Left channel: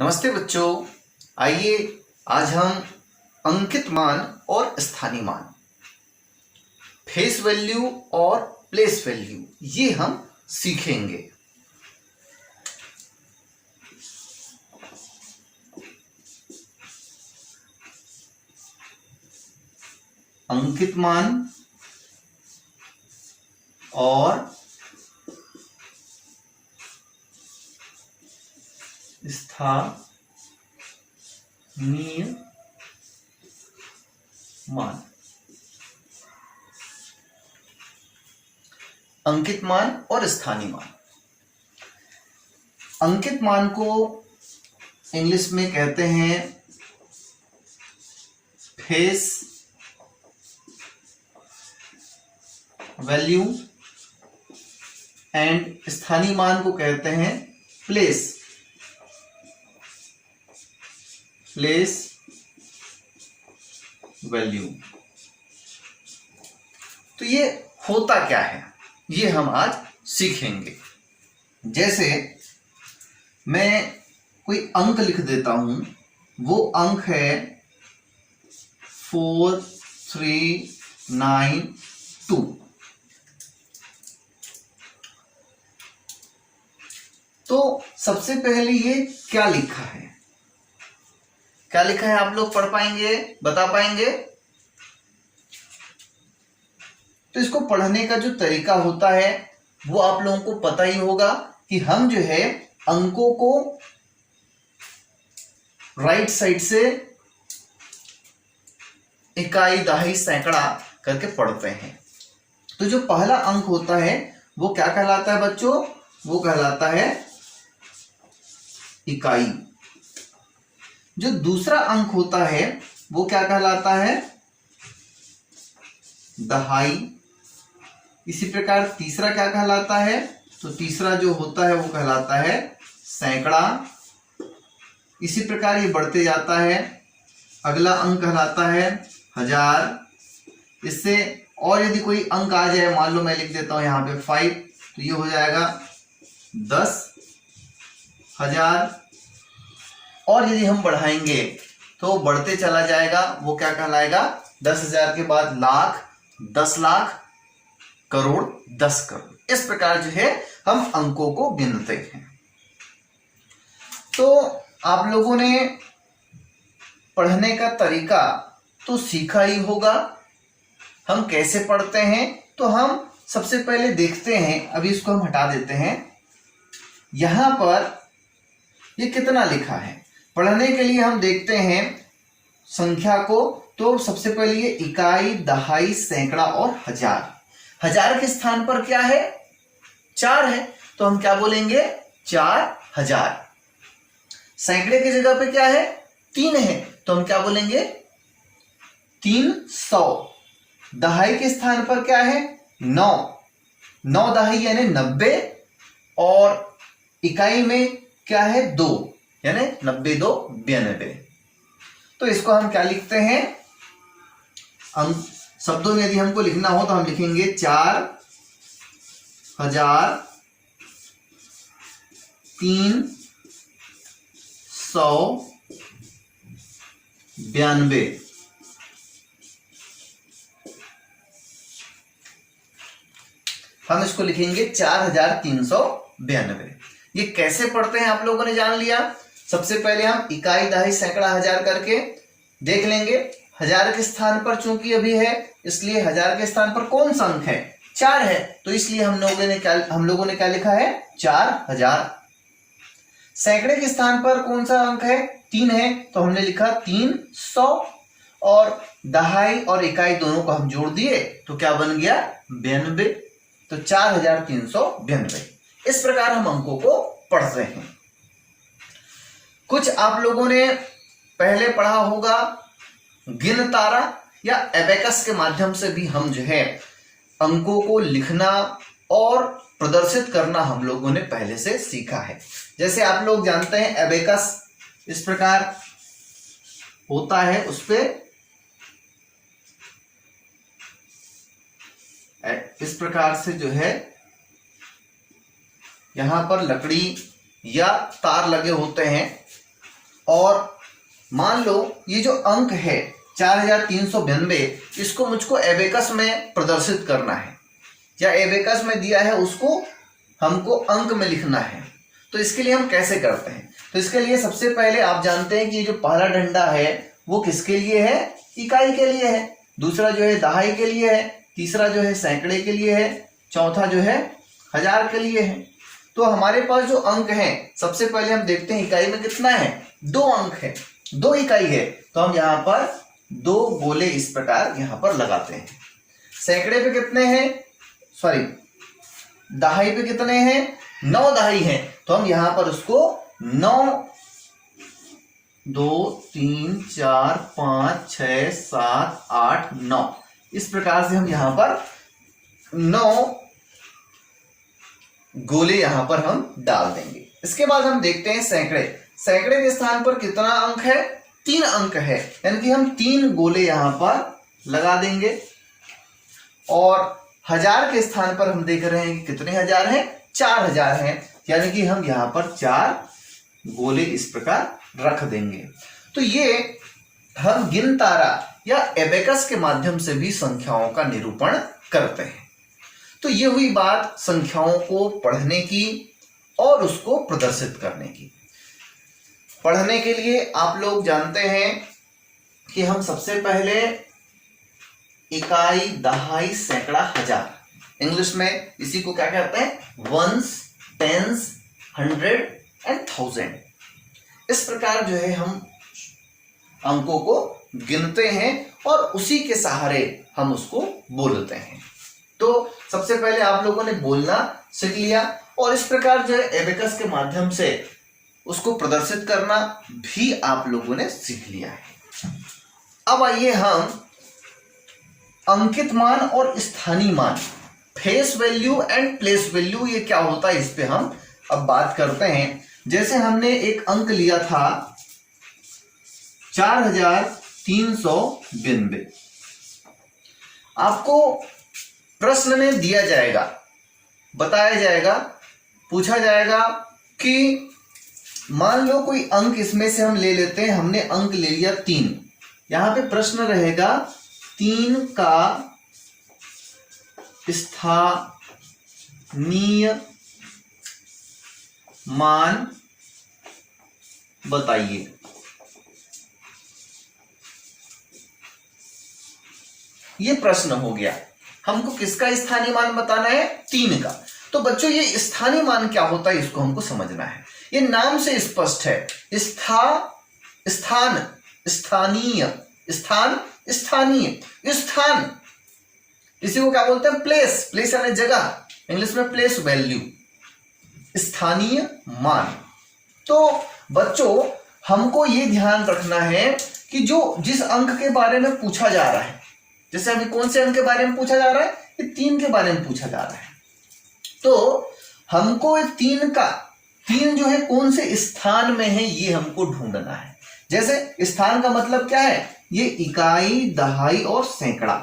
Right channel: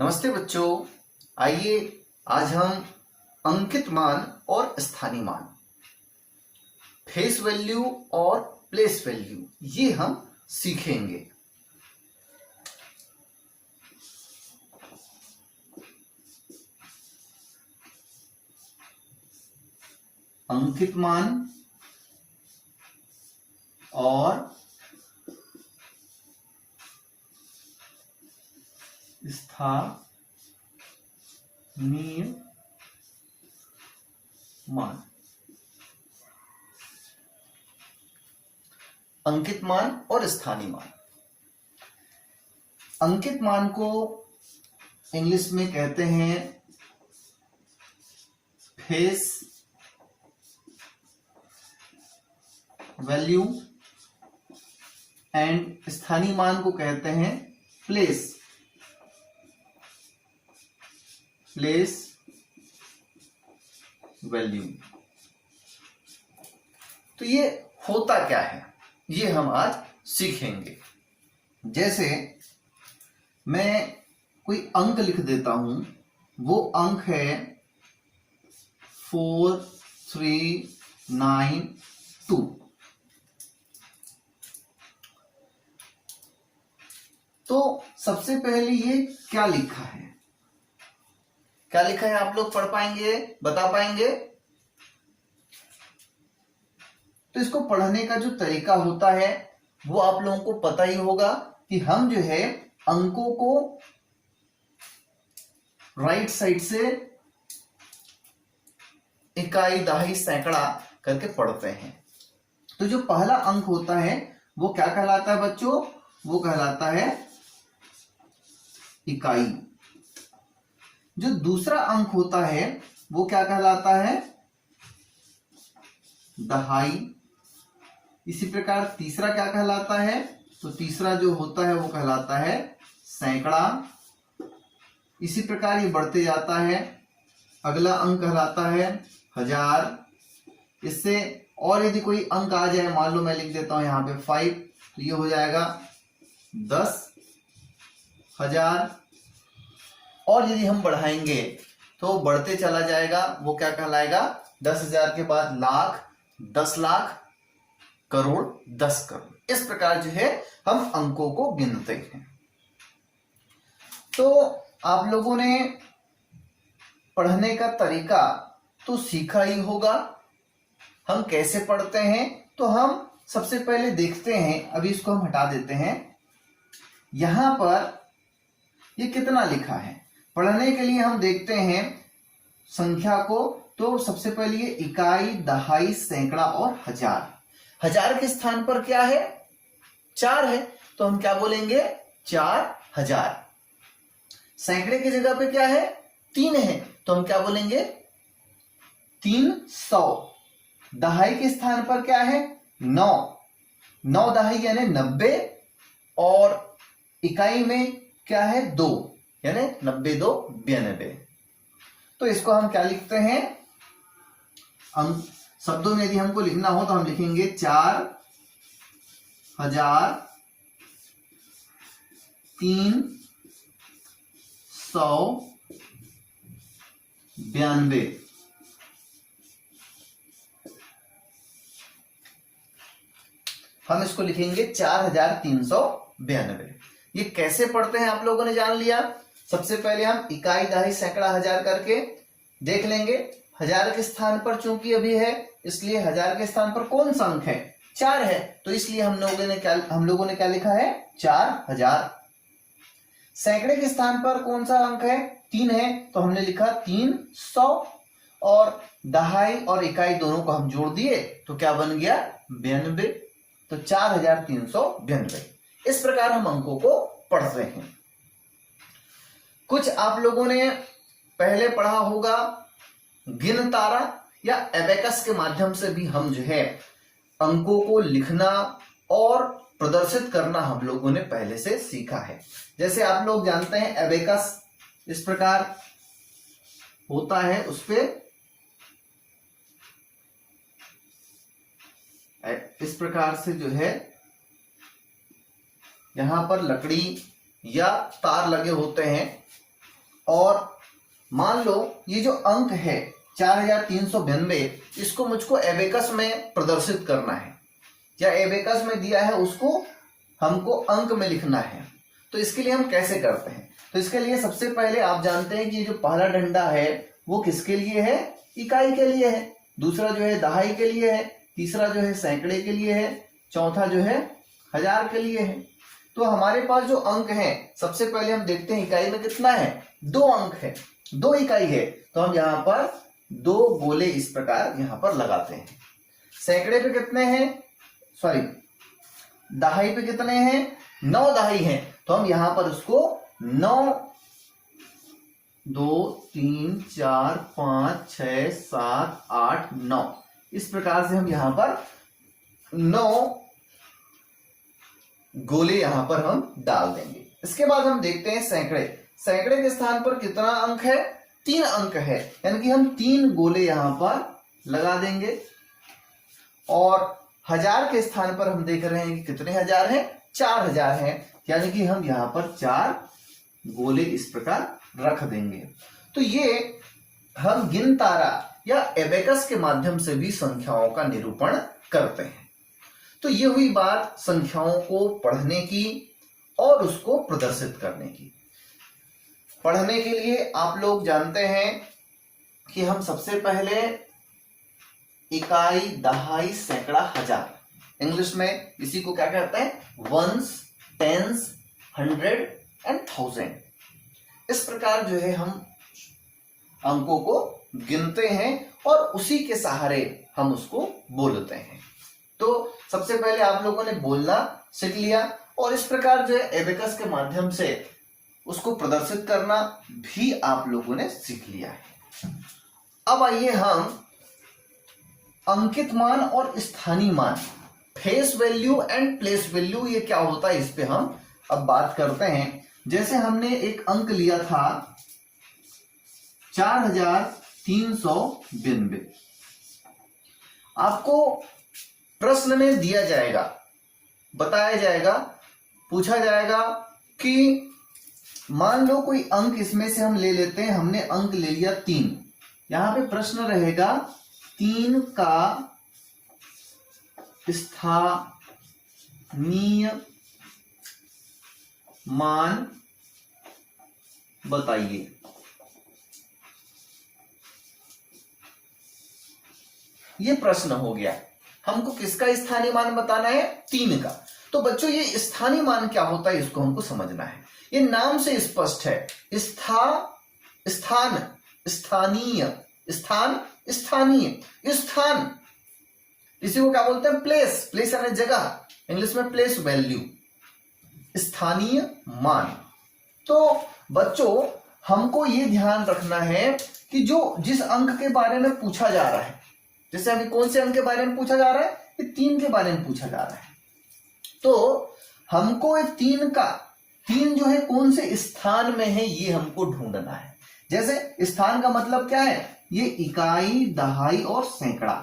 नमस्ते बच्चों, आइए आज हम अंकित मान और स्थानीय मान, फेस वैल्यू और प्लेस वैल्यू ये हम सीखेंगे। अंकित मान और स्थानीय मान। अंकित मान और स्थानीय मान। अंकित मान को इंग्लिश में कहते हैं फेस वैल्यू एंड स्थानीय मान को कहते हैं प्लेस वैल्यू। तो ये होता क्या है ये हम आज सीखेंगे। जैसे मैं कोई अंक लिख देता हूं, वो अंक है 4392। तो सबसे पहले ये क्या लिखा है, क्या लिखा है आप लोग पढ़ पाएंगे, बता पाएंगे? तो इसको पढ़ने का जो तरीका होता है वो आप लोगों को पता ही होगा कि हम जो है अंकों को राइट साइड से इकाई, दहाई, सैकड़ा करके पढ़ते हैं। तो जो पहला अंक होता है वो क्या कहलाता है बच्चों? वो कहलाता है इकाई। जो दूसरा अंक होता है वो क्या कहलाता है? दहाई। इसी प्रकार तीसरा क्या कहलाता है? तो तीसरा जो होता है वो कहलाता है सैकड़ा। इसी प्रकार ये बढ़ते जाता है। अगला अंक कहलाता है हजार। इससे और यदि कोई अंक आ जाए, मान लो मैं लिख देता हूं यहां पे 5, तो ये हो जाएगा 10,000। और यदि हम बढ़ाएंगे तो बढ़ते चला जाएगा, वो क्या कहलाएगा? 10,000 के बाद लाख, 10 लाख, करोड़, 10 करोड़। इस प्रकार जो है हम अंकों को गिनते हैं। तो आप लोगों ने पढ़ने का तरीका तो सीखा ही होगा। हम कैसे पढ़ते हैं तो हम सबसे पहले देखते हैं, अभी इसको हम हटा देते हैं। यहां पर ये कितना लिखा है, पढ़ने के लिए हम देखते हैं संख्या को। तो सबसे पहले ये इकाई, दहाई, सैकड़ा और हजार। हजार के स्थान पर क्या है? 4 है, तो हम क्या बोलेंगे? 4000। सैकड़े की जगह पे क्या है? 3 है, तो हम क्या बोलेंगे? 300। दहाई के स्थान पर क्या है? 9 दहाई यानी 90। और इकाई में क्या है? 2 यानी 90 2 92। तो इसको हम क्या लिखते हैं? अंक शब्दों में यदि हमको लिखना हो तो हम लिखेंगे 4392। हम इसको लिखेंगे 4392। ये कैसे पढ़ते हैं आप लोगों ने जान लिया। सबसे पहले हम इकाई, दहाई, सैकड़ा, हजार करके देख लेंगे। हजार के स्थान पर चूंकि अभी है, इसलिए हजार के स्थान पर कौन सा अंक है? 4 है, तो इसलिए हम लोगों ने क्या लिखा है? 4000। सैकड़े के स्थान पर कौन सा अंक है? 3 है, तो हमने लिखा 300। और दहाई और इकाई दोनों को हम जोड़ दिए तो क्या बन गया? 92। तो 4392। इस प्रकार हम अंकों को पढ़ते हैं। कुछ आप लोगों ने पहले पढ़ा होगा गिन तारा या एबेकस के माध्यम से भी हम जो है अंकों को लिखना और प्रदर्शित करना हम लोगों ने पहले से सीखा है। जैसे आप लोग जानते हैं एबेकस इस प्रकार होता है, उस पे इस प्रकार से जो है यहां पर लकड़ी या तार लगे होते हैं और मान लो ये जो अंक है 4392, इसको मुझको एबेकस में प्रदर्शित करना है, या एबेकस में दिया है उसको हमको अंक में लिखना है। तो इसके लिए हम कैसे करते हैं? तो इसके लिए सबसे पहले आप जानते हैं कि ये जो पहला डंडा है वो किसके लिए है? इकाई के लिए है। दूसरा जो है दहाई के लिए है। तीसरा जो है सैकड़े के लिए है। चौथा जो है हजार के लिए है। तो हमारे पास जो अंक है, सबसे पहले हम देखते हैं इकाई में कितना है। 2 अंक है, 2 इकाई है, तो हम यहाँ पर 2 गोले इस प्रकार यहाँ पर लगाते हैं। सैकड़े पे कितने हैं, सॉरी दहाई पे कितने हैं, 9 दहाई हैं, तो हम यहाँ पर उसको 9, 2, 3, 4, 5, 6, 7, 8, 9 इस प्रकार से हम यहाँ पर 9 गोले यहाँ पर हम डाल देंगे। इसके बाद हम देखते हैं सैकड़े। सैकड़े के स्थान पर कितना अंक है, 3 अंक है, यानी कि हम 3 गोले यहाँ पर लगा देंगे। और हजार के स्थान पर हम देख रहे हैं कि कितने हजार हैं, 4000 हैं, यानी कि हम यहाँ पर 4 गोले इस प्रकार रख देंगे। तो ये हम गिन तारा या एबेकस के माध्यम से भी संख्याओं का निरूपण करते हैं। तो ये हुई बात संख्याओं को पढ़ने की और उसको प्रदर्शित करने की। पढ़ने के लिए आप लोग जानते हैं कि हम सबसे पहले इकाई, दहाई, सैकड़ा, हजार, इंग्लिश में इसी को क्या कहते हैं, वंस, टेंस, 100 एंड 1000, इस प्रकार जो है हम अंकों को गिनते हैं और उसी के सहारे हम उसको बोलते हैं। तो सबसे पहले आप लोगों ने बोलना सीख लिया और इस प्रकार जो है एबेकस के माध्यम से उसको प्रदर्शित करना भी आप लोगों ने सीख लिया है। अब आइए हम अंकित मान और स्थानीय मान, face value and place value, ये क्या होता है इस पे हम अब बात करते हैं। जैसे हमने एक अंक लिया था 4392, आपको प्रश्न में दिया जाएगा, बताया जाएगा, पूछा जाएगा कि मान लो कोई अंक इसमें से हम ले लेते हैं, हमने अंक ले लिया 3, यहां पे प्रश्न रहेगा 3 का स्थानीय मान बताइए। ये प्रश्न हो गया, हमको किसका स्थानीय मान बताना है, 3 का। तो बच्चों ये स्थानीय मान क्या होता है इसको हमको समझना है। ये नाम से स्पष्ट है, स्थान, स्थानीय, स्थान, स्थानीय, स्थान, इसी को क्या बोलते हैं, प्लेस, प्लेस यानी जगह, इंग्लिश में प्लेस वैल्यू, स्थानीय मान। तो बच्चों हमको ये ध्यान रखना है कि जो जिस अंक के बारे में पूछा जा रहा है, जैसे अभी कौन से अंक के बारे में पूछा जा रहा है, ये 3 के बारे में पूछा जा रहा है, तो हमको 3 जो है कौन से स्थान में है ये हमको ढूंढना है। जैसे स्थान का मतलब क्या है, ये इकाई, दहाई और सैकड़ा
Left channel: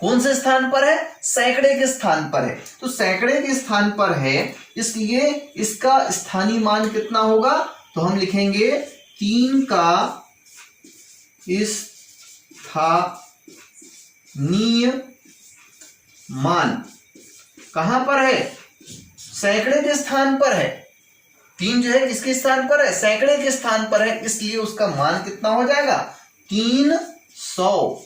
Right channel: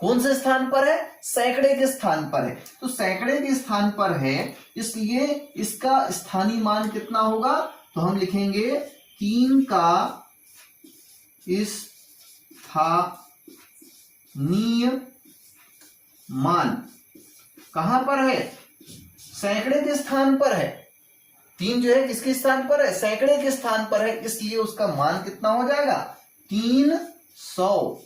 कौन से स्थान पर है, सैकड़े के स्थान पर है। तो सैकड़े के स्थान पर है, इसलिए इसका स्थानीय मान कितना होगा, तो हम लिखेंगे 3 का स्थानीय मान कहां पर है, सैकड़े के स्थान पर है। 3 जो है किसके स्थान पर है, सैकड़े के स्थान पर है, इसलिए उसका मान कितना हो जाएगा, 300।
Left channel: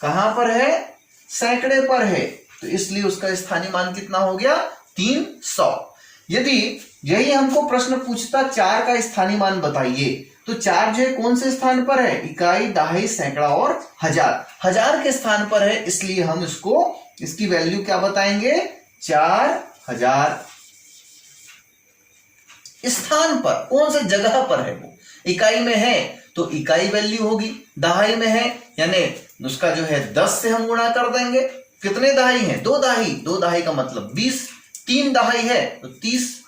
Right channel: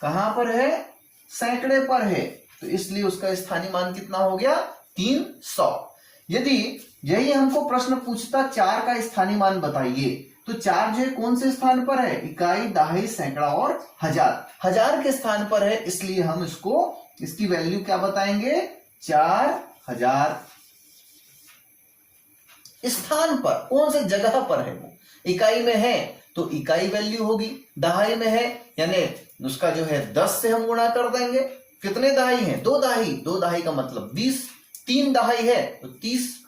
कहां पर है, सैकड़े पर है, तो इसलिए उसका स्थानीय मान कितना हो गया, 300। यदि यही हमको प्रश्न पूछता 4 का स्थानीय मान बताइए, तो 4 जो है कौन से स्थान पर है, इकाई, दहाई, सैकड़ा और हजार, हजार के स्थान पर है, इसलिए हम इसकी वैल्यू क्या बताएंगे, 4000। स्थान पर कौन से जगह पर है, वो इकाई में है तो इकाई वैल्यू होगी, दहाई में है यानी उसका जो है 10 से हम गुणा कर देंगे। कितने दहाई हैं, 2 दहाई, 2 दहाई का मतलब 20, 3 दहाई है तो 30।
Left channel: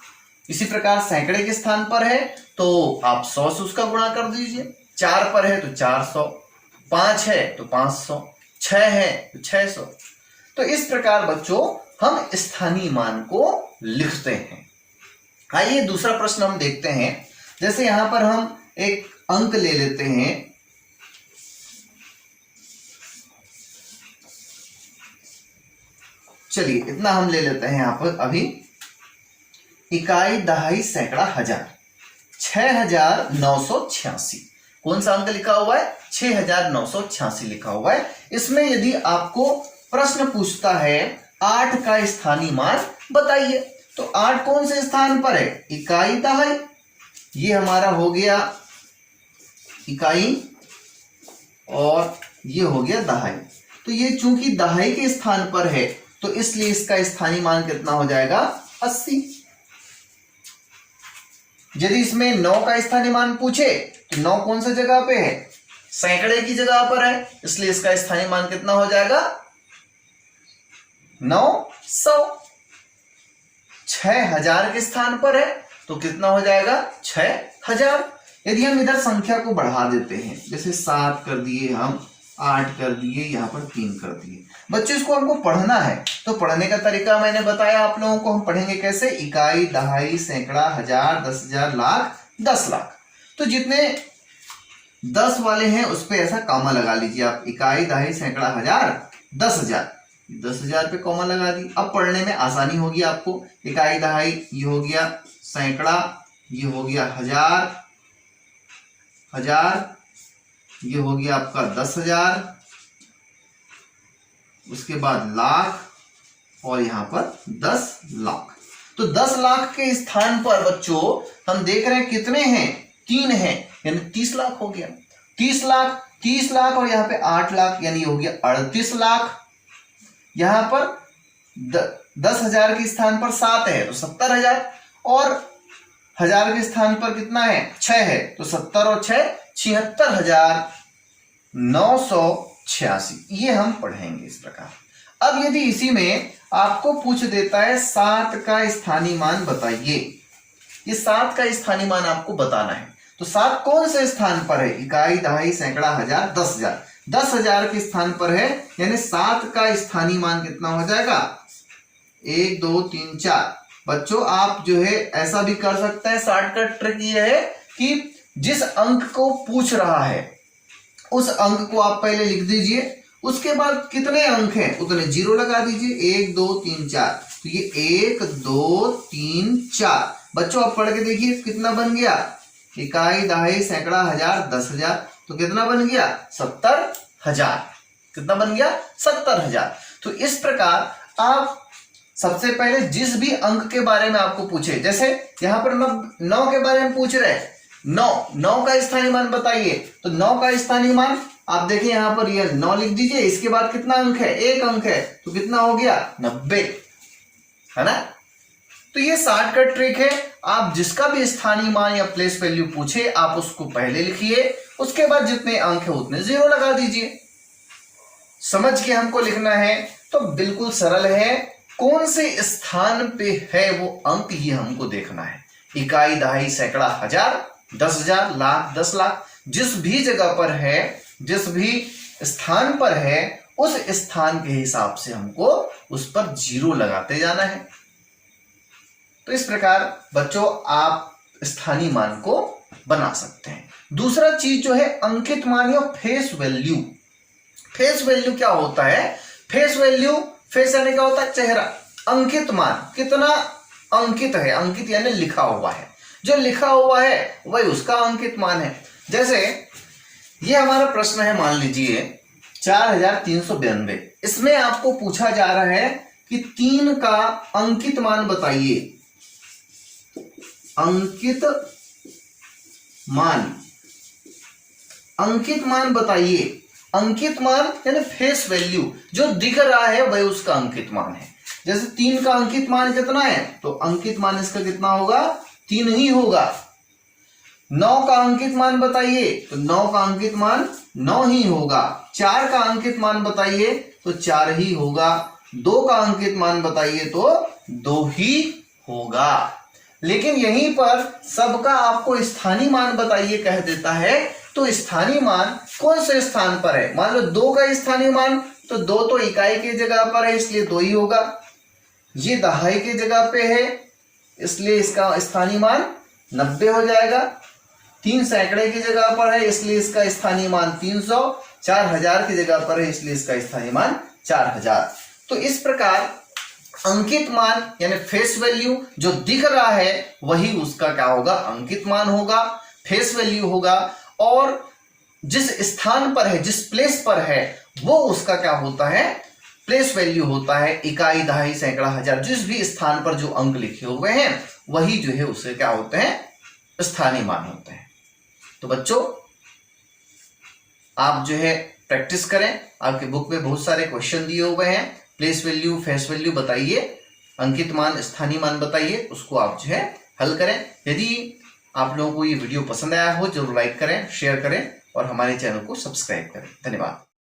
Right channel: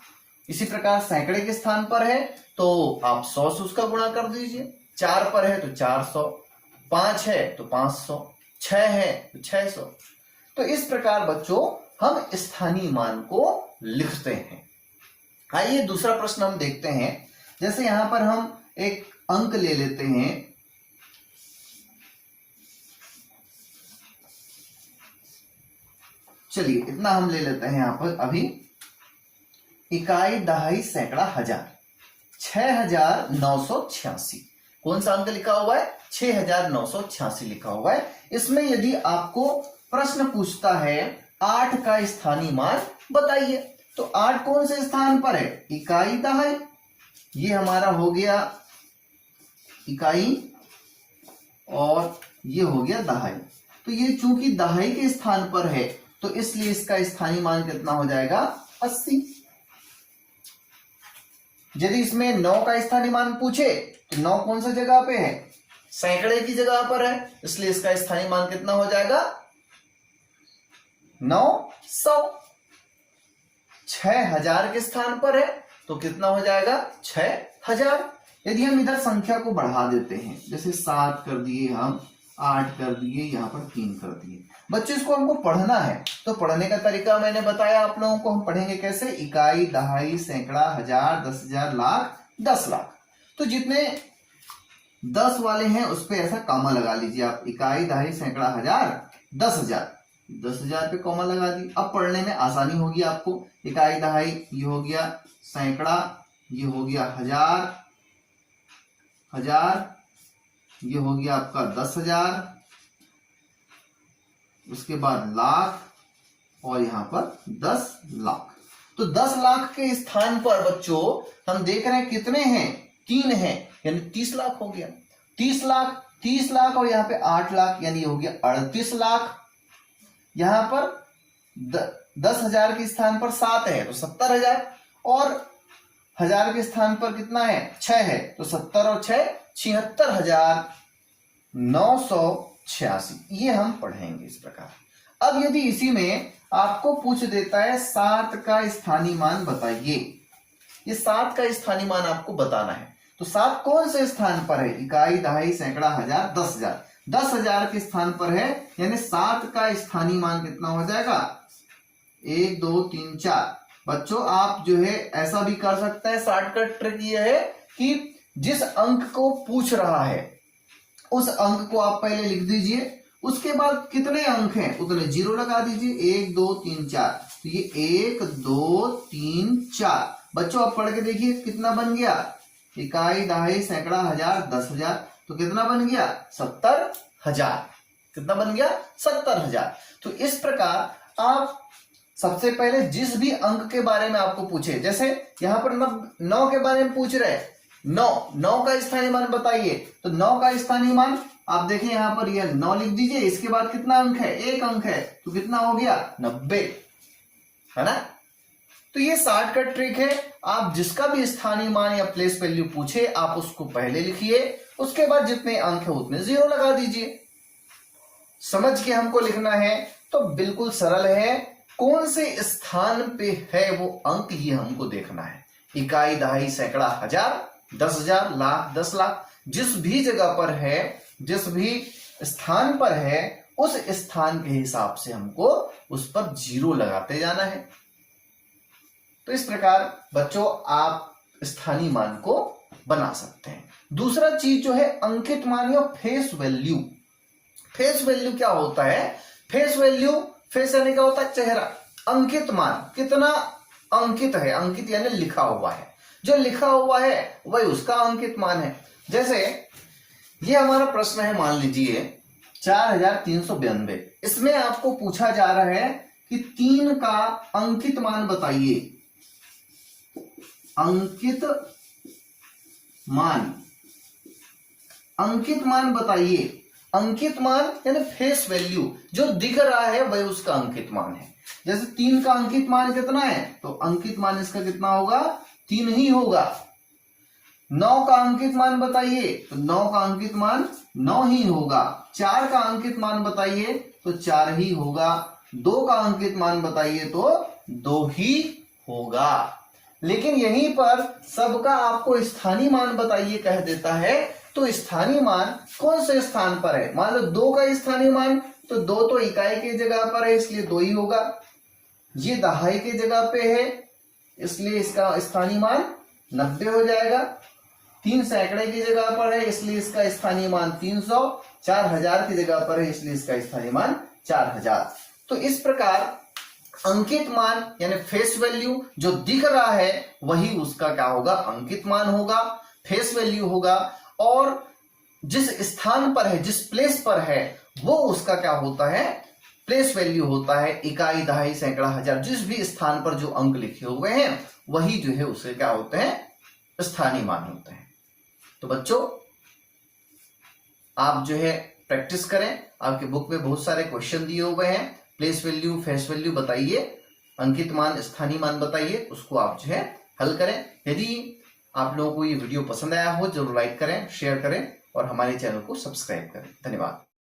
इसी प्रकार सैकड़े के स्थान पर है तो आप 100 से उसका गुणा कर दीजिए, 4 पर है तो 400, 5 है तो 500, 6 है तो 600। तो इस प्रकार बच्चों हम स्थानीय मान को लिखते हैं। आइए दूसरा प्रश्न हम देखते हैं। जैसे यहां पर हम एक अंक ले लेते हैं। चलिए इतना हम ले लेते हैं यहां पर अभी। इकाई, दहाई, सैकड़ा, हजार, 6986। कौन सा अंक लिखा हुआ है? 6986 लिखा हुआ है। इसमें यदि आपको प्रश्न पूछता है 8 का स्थानीय मान बताइए, तो 8 कौन से स्थान पर है? इकाई, दहाई। ये हमारा हो गया इकाई और ये हो गया दहाई। तो ये चूंकि दहाई के स्थान पर है तो इसलिए इसका स्थानीय मान कितना हो जाएगा? 80। यदि इसमें 9 का स्थानीय मान पूछे तो 9 कौन सा जगह पे है? सैकड़े की जगह पर है, इसलिए इसका स्थानीय मान कितना हो जाएगा? 900। 6000 के स्थान पर है तो कितना हो जाएगा? 6000। यदि हम इधर संख्या को बढ़ा देते हैं, जैसे 7 कर दिए, हम 8 कर दिए, यहां पर 3 कर दिए। बच्चों इसको हमको पढ़ना है तो पढ़ने का तरीका मैंने बताया आप लोगों को। हम पढ़ेंगे कैसे? इकाई, दहाई, सैकड़ा, हजार, 10,000, लाख, 10 लाख। तो जितने 10 वाले हैं उस पे ऐसा कॉमा लगा लीजिए आप। इकाई, दहाई, सैकड़ा, हजार, 10,000। 10,000 पे कॉमा लगा दी। अब पढ़ने में आसानी होगी आपको। इकाई, दहाई ये हो गया, सैकड़ा ये हो गया, हजार, हजार ये हो गया आपका 10,000, उसके बाद लाख और यहां पर 10 लाख। तो 10 लाख के स्थान पर बच्चों हम देख रहे हैं कितने हैं? 3 हैं, यानी 30 लाख हो गया। 30 लाख, 30 लाख और यहां पे 8 लाख, यानी हो गया 38 लाख। यहां पर 10,000 के स्थान पर 7 है तो 70,000, और हजार के स्थान पर कितना है? 6 है, तो 70 और 6 76,986। ये हम पढ़ेंगे इस प्रकार। अब यदि इसी में आपको पूछ देता है 7 का स्थानीय मान बताइए, ये 7 का स्थानीय मान आपको बताना है, तो 7 कौन से स्थान पर है? इकाई, दहाई, सैकड़ा, हजार, 10,000। 10,000 के स्थान पर है, यानी 7 का स्थानीय मान कितना हो जाएगा? 1 2 3 4। बच्चों आप जो है ऐसा भी कर सकते हैं। शॉर्टकट ट्रिक ये है कि जिस अंक को पूछ रहा है उस अंक को आप पहले लिख दीजिए, उसके बाद कितने अंक हैं उतने 0 लगा दीजिए। 1 2 3 4, तो ये 1 2 3 4। बच्चों आप पढ़ के देखिए कितना बन गया? इकाई, दहाई, सैकड़ा, हजार, 10,000, तो कितना बन गया? 70,000। कितना बन गया? 70,000। तो इस प्रकार आप सबसे पहले जिस भी अंक के बारे में आपको पूछे, जैसे यहां पर 9 के बारे में पूछ रहे हैं, 9 का स्थानीय मान बताइए, तो 9 का स्थानीय मान आप देखिए यहां पर ये 9 लिख दीजिए। इसके बाद कितना अंक है? 1 अंक है, तो कितना हो गया? 90, है ना। तो ये शॉर्टकट ट्रिक है। आप जिसका भी स्थानीय मान या प्लेस वैल्यू पूछे आप उसको पहले लिखिए, उसके बाद जितने अंक है उतने 0 लगा दीजिए। समझ के हमको लिखना है तो बिल्कुल सरल है। कौन से स्थान पे है वो अंक, ये हमको देखना है। इकाई, दहाई, सैकड़ा, हजार, 10,000, लाख, 10 लाख, जिस भी जगह पर है, जिस भी स्थान पर है, उस स्थान के हिसाब से हमको उस पर 0 लगाते जाना है। तो इस प्रकार बच्चों आप स्थानीय मान को बना सकते हैं। दूसरा चीज जो है अंकित मान या फेस वैल्यू। फेस वैल्यू क्या होता है? फेस वैल्यू, फेस यानी क्या होता है? चेहरा। अंकित मान कितना अंकित है? अंकित यानी लिखा हुआ है, जो लिखा हुआ है वही उसका अंकित मान है। जैसे ये हमारा प्रश्न है, मान लीजिए 4392। इसमें आपको पूछा जा रहा है कि 3 का अंकित मान बताइए। अंकित मान, अंकित मान बताइए। अंकित मान यानी फेस वैल्यू, जो दिख रहा है वही उसका अंकित मान है। जैसे 3 का अंकित मान कितना है, तो अंकित मान इसका कितना होगा? 3 ही होगा। 9 का अंकित मान बताइए, तो 9 का अंकित मान 9 ही होगा। 4 का अंकित मान बताइए तो 4 ही होगा। 2 का अंकित मान बताइए तो 2 ही होगा। लेकिन यहीं पर सबका आपको स्थानीय मान बताइए कह देता है, तो स्थानीय मान कौन से स्थान पर है? मान लो 2 का स्थानीय मान, तो 2 तो इकाई की जगह पर है इसलिए 2 ही होगा। ये दहाई की जगह पे है इसलिए इसका स्थानीय मान 90 हो जाएगा। 3 सैकड़े की जगह पर है इसलिए इसका स्थानीय मान 300, 4000 की जगह पर है इसलिए इसका स्थानीय मान 4000। तो इस प्रकार अंकित मान यानी फेस वैल्यू जो दिख रहा है वही उसका क्या होगा, अंकित मान होगा, फेस वैल्यू होगा। और जिस स्थान पर है, जिस प्लेस पर है, वो उसका क्या होता है, प्लेस वैल्यू होता है। इकाई, दहाई, सैकड़ा, हजार, जिस भी स्थान पर जो अंक लिखे हुए हैं वही जो है उसके क्या होते हैं, स्थानीय मान होते हैं। तो बच्चों आप जो है प्रैक्टिस करें, आपके बुक में बहुत सारे क्वेश्चन दिए हुए हैं। प्लेस वैल्यू, फेस वैल्यू बताइए, अंकित मान, स्थानीय मान बताइए, उसको आप जो है हल करें। यदि आप लोगों को ये वीडियो पसंद आया हो जरूर लाइक करें, शेयर करें और हमारे चैनल को सब्सक्राइब करें। धन्यवाद।